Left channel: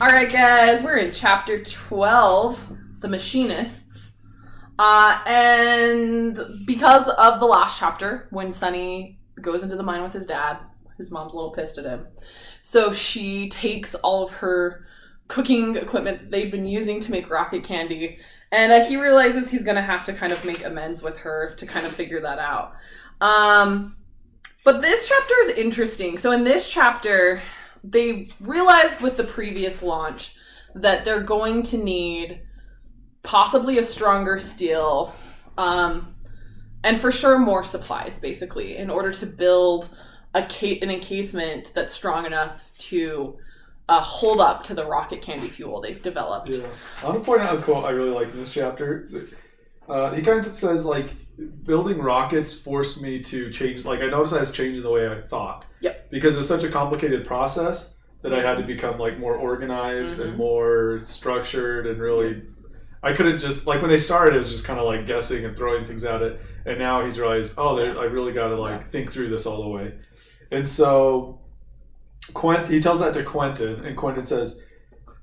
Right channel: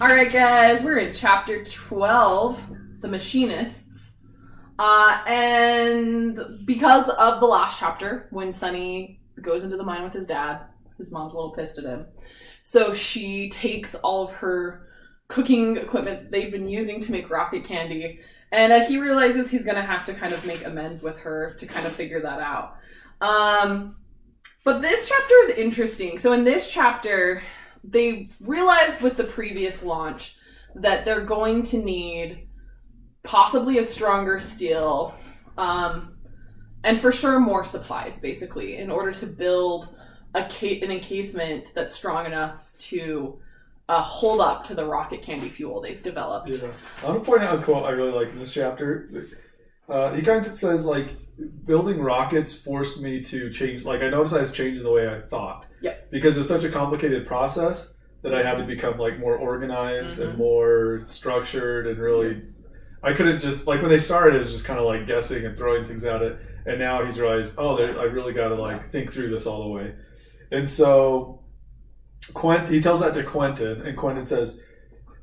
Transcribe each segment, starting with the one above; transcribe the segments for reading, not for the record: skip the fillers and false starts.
Alright guys, we're in chapter 12, The Machinists. And because of the last chapter, when Sunny goes into the mine with his dad, his mom's a little pissed at him. So she takes all of her cooking equipment they've been using to make rocket candy, and he realizes he's going to have to kind of make amends with her to kind of figure that out. But this chapter is interesting. So in this chapter, they realized with the previous launch that they're going to need possibly a stronger steel, and for sure more supplies, basically, in order to build an encasement that's strong enough to hold up to the rocket candy fuel they've developed. Yeah. I want to point out a quote I really like in this chapter. He kind of says, like, building rockets forced me to change, like, I noticed I was changing the way I thought. Yep. Because it was such a complicated process that I had to become, like, more organized and more structured, and really, I couldn't just, like, when they started, it was just kind of like guessing and throwing things at it. And now he's realized, I really got to, like, think through this all the way. And so he tells that to Quentin, and Quentin says,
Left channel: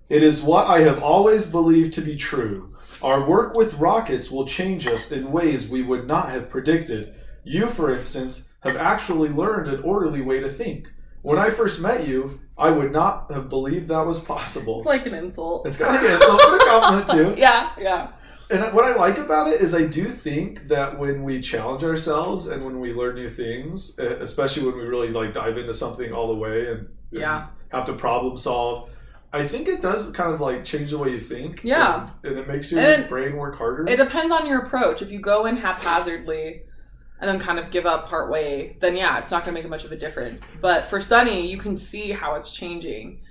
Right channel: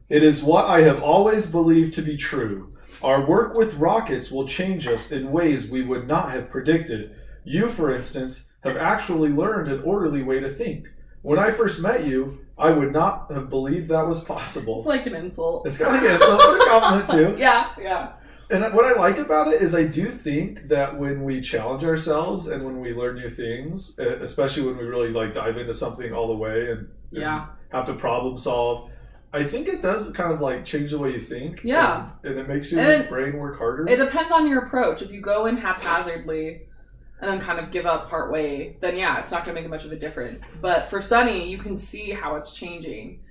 "It is what I have always believed to be true. Our work with rockets will change us in ways we would not have predicted. You, for instance, have actually learned an orderly way to think. When I first met you, I would not have believed that was possible." It's like an insult. It's kind of an insult, but a compliment too. Yeah. And what I like about it is I do think that when we challenge ourselves and when we learn new things, especially when we really, like, dive into something all the way and have to problem solve, I think it does kind of, like, change the way you think. Yeah. And it makes your brain work harder. It depends on your approach. If you go in haphazardly and then kind of give up partway, then it's not going to make much of a difference. But for Sunny, you can see how it's changing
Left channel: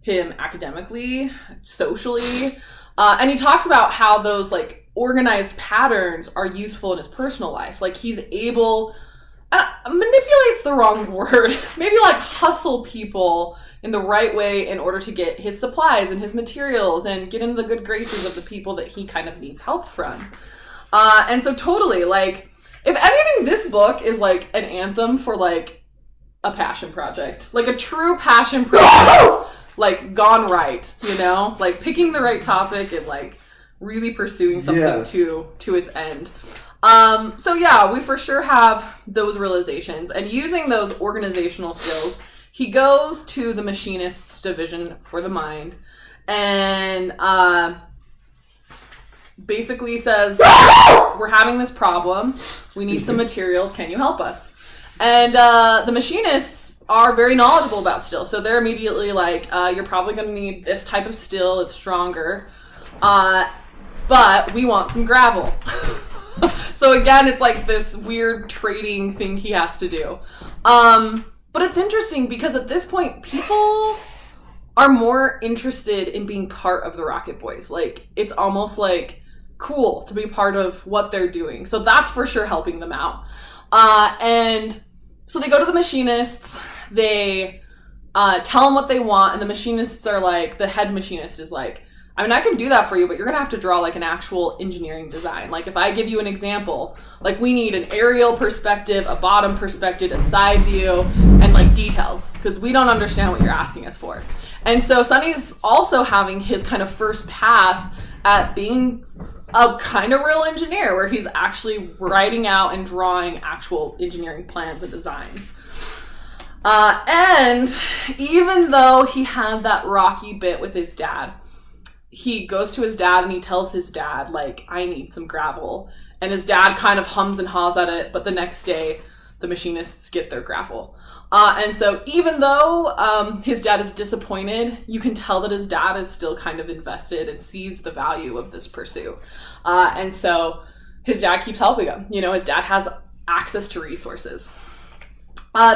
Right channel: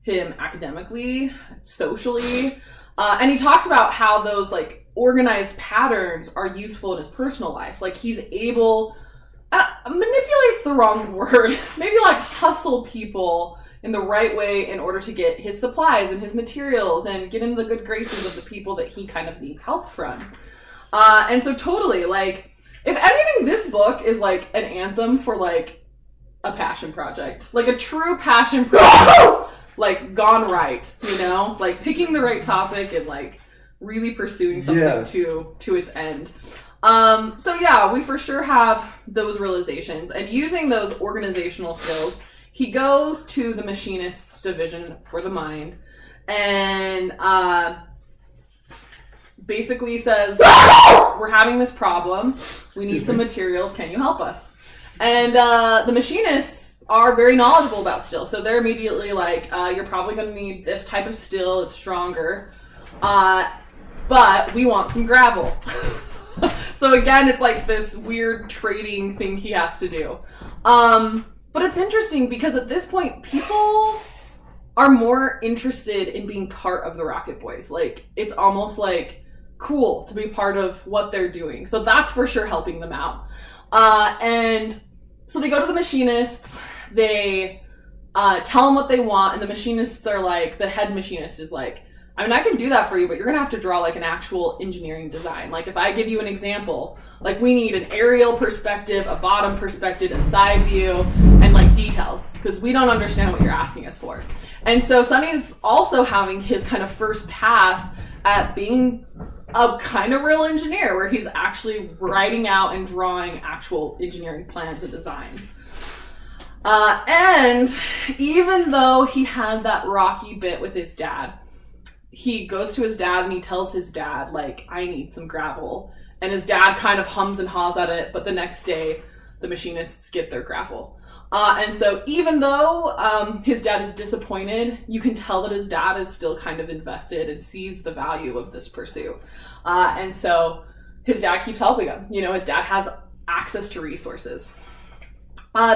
him academically, socially. And he talks about how those, like, organized patterns are useful in his personal life. Like, he's able, manipulate's the wrong word, maybe, like, hustle people in the right way in order to get his supplies and his materials and get into the good graces of the people that he kind of needs help from. And so totally, like, if anything, this book is, like, an anthem for, like, a passion project. Like, a true passion project. Like, gone right, you know? Like, picking the right topic and, like, really pursuing something to its end. So yeah, we for sure have those realizations. And using those organizational skills, he goes to the Machinists Division for the Mind and basically says, "We're having this problem. We need some materials. Can you help us?" And the Machinists are very knowledgeable about steel, so they're immediately like, "You're probably going to need this type of steel. It's stronger, but we want some gravel." So again, it's like this weird trading thing he has to do. But it's interesting because at this point, people are more interested in being part of the Rocket Boys. Like, it's almost like cool to be part of what they're doing. So that's for sure helping them out. And so they go to the Machinists. They tell them what they want, and the Machinists are like, the head machinist is like, "I mean, I can do that for you, but you're going to have to draw, like, an actual engineering design. Like, if I give you an example, like, we need an aerial perspective, a bottom perspective, a side view, and, like, details, because we don't understand what you're asking us for." And so Sunny's also having his kind of first pass at being a kind of real engineer, where he's actually writing out and drawing actual engineering plans and designs. And even though he had that rocky bit with his dad, he goes to his dad and he tells his dad, like, "I need some gravel." And his dad kind of hums and haws at it, but the next day, the Machinists get their gravel. And so even though his dad is disappointed, you can tell that his dad is still kind of invested and sees the value of this pursuit. And so his dad keeps helping him. You know, his dad has access to resources.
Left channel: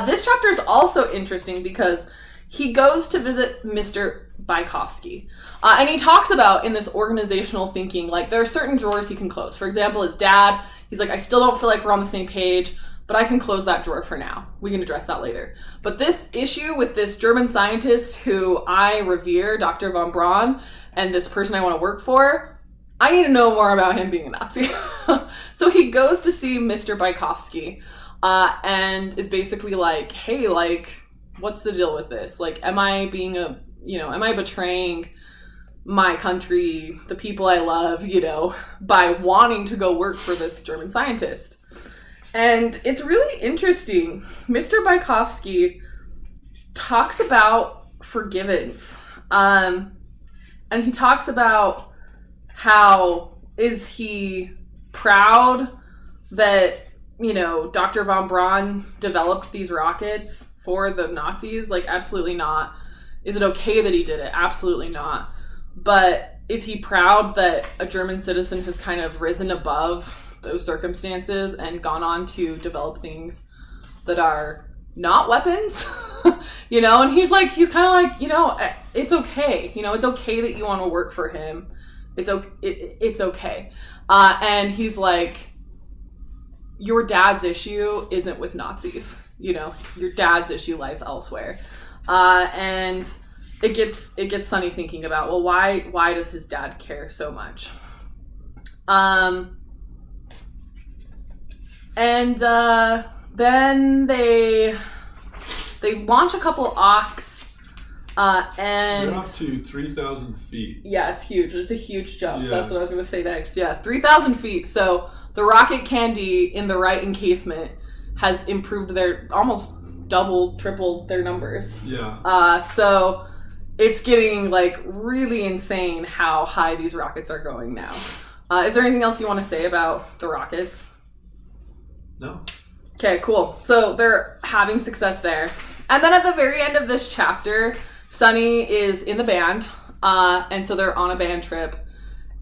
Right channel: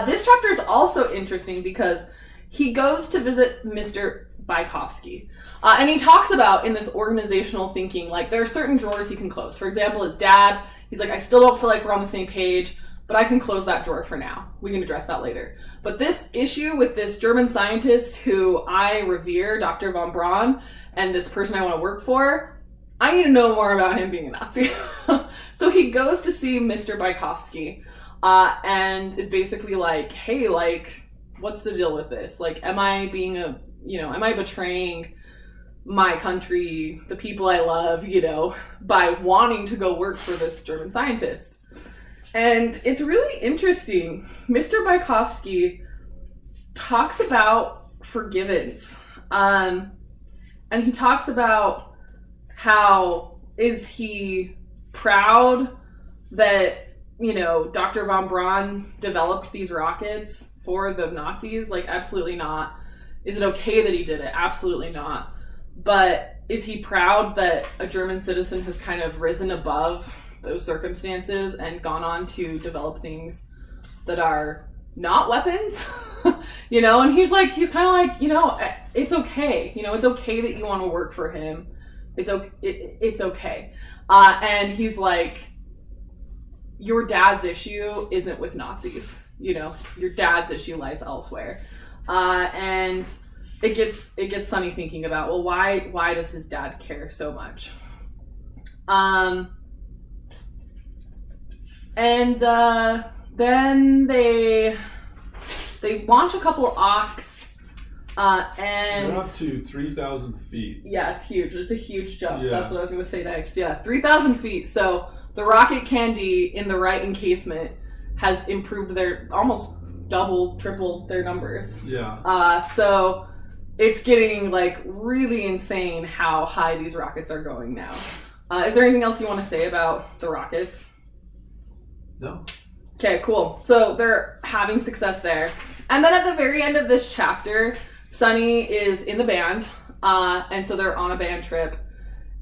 This chapter is also interesting because he goes to visit Mr. Bykovsky. And he talks about, in this organizational thinking, like, there are certain drawers he can close. For example, his dad, he's like, "I still don't feel like we're on the same page, but I can close that drawer for now. We can address that later." But this issue with this German scientist who I revere, Dr. von Braun, and this person I want to work for, I need to know more about him being a Nazi. So he goes to see Mr. Bykovsky and is basically like, "Hey, like, what's the deal with this? Like, am I being a am I betraying my country, the people I love, by wanting to go work for this German scientist? And it's really interesting. Mr. Bykowski talks about forgiveness. And he talks about how is he proud that, Dr. von Braun developed these rockets for the Nazis? Like, absolutely not. Is it okay that he did it? Absolutely not. But is he proud that a German citizen has kind of risen above those circumstances and gone on to develop things that are not weapons? And he's kind of like, it's okay. It's okay that you want to work for him. It's okay. And he's like, your dad's issue isn't with Nazis. Your dad's issue lies elsewhere. And it gets Sonny thinking about, well, why does his dad care so much? And then they launch a couple Oks, and they're up to 3,000 feet. Yeah, it's huge. It's a huge jump. Yes. That's what I was going to say next. Yeah, 3,000 feet. So the rocket candy in the right encasement has improved their almost double, triple their numbers. Yeah. So it's getting really insane how high these rockets are going now. Is there anything else you want to say about the rockets? No. Okay, cool. So they're having success there. And then at the very end of this chapter, Sonny is in the band, and so they're on a band trip,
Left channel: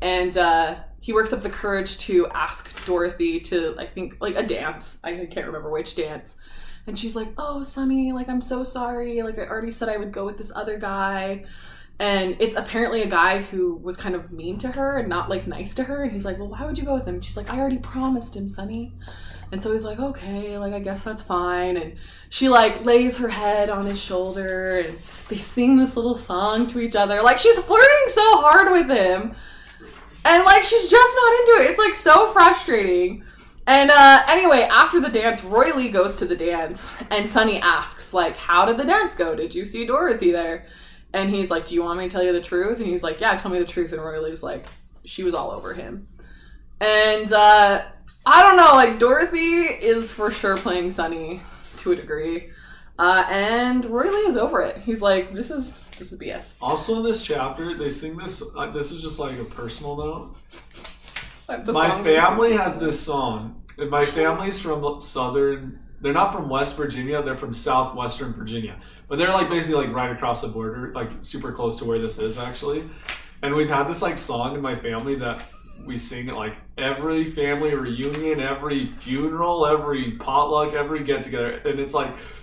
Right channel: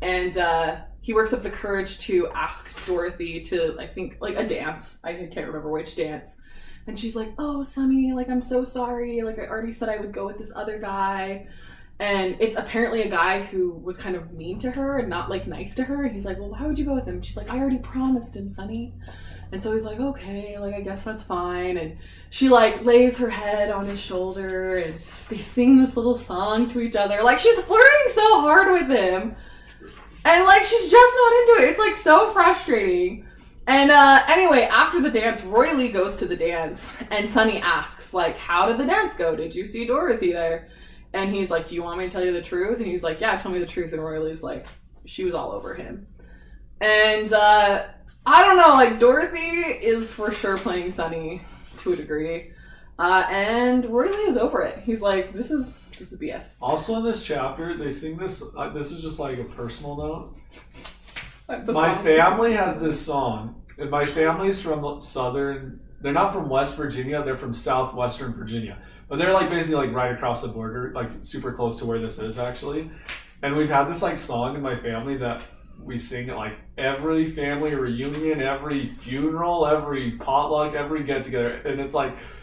and he works up the courage to ask Dorothy to, I think, a dance. I can't remember which dance. And she's like, oh, Sonny, I'm so sorry. I already said I would go with this other guy. And it's apparently a guy who was kind of mean to her and not, nice to her. And he's like, well, why would you go with him? And she's like, I already promised him, Sonny. And so he's like, okay, I guess that's fine. And she, lays her head on his shoulder, and they sing this little song to each other. She's flirting so hard with him. And, she's just not into it. It's, so frustrating. And, anyway, after the dance, Roy Lee goes to the dance, and Sonny asks, how did the dance go? Did you see Dorothy there? And he's like, do you want me to tell you the truth? And he's like, yeah, tell me the truth. And Roy Lee's like, she was all over him. And, I don't know, Dorothy is for sure playing Sonny to a degree. And Roy Lee is over it. He's like, this is BS. Also in this chapter, they sing this, this is just a personal note. My family has this song, and my family's from they're not from West Virginia, they're from southwestern Virginia. But they're basically right across the border, super close to where this is actually. And we've had this song in my family that we sing at every family reunion, every funeral, every potluck, every get together. And it's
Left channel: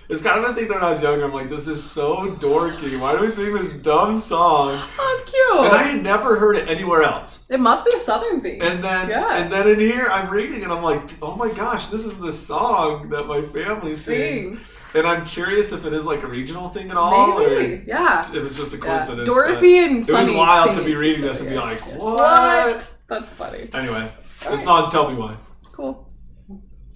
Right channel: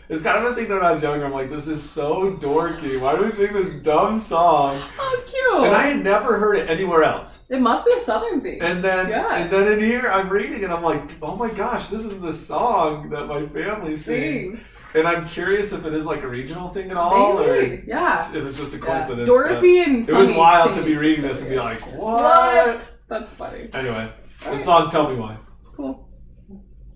it's kind of a thing that when I was younger, I'm this is so dorky. Why do we sing this dumb song? Oh, it's cute. And I had never heard it anywhere else. It must be a Southern thing. And then in here, I'm reading and I'm oh my gosh, this is the song that my family sings. And I'm curious if it is a regional thing at all, maybe. or yeah, it was just a coincidence. Dorothy and Sonny. It was wild to be reading this and be what? That's funny. Anyway, the song "Tell Me Why." Cool.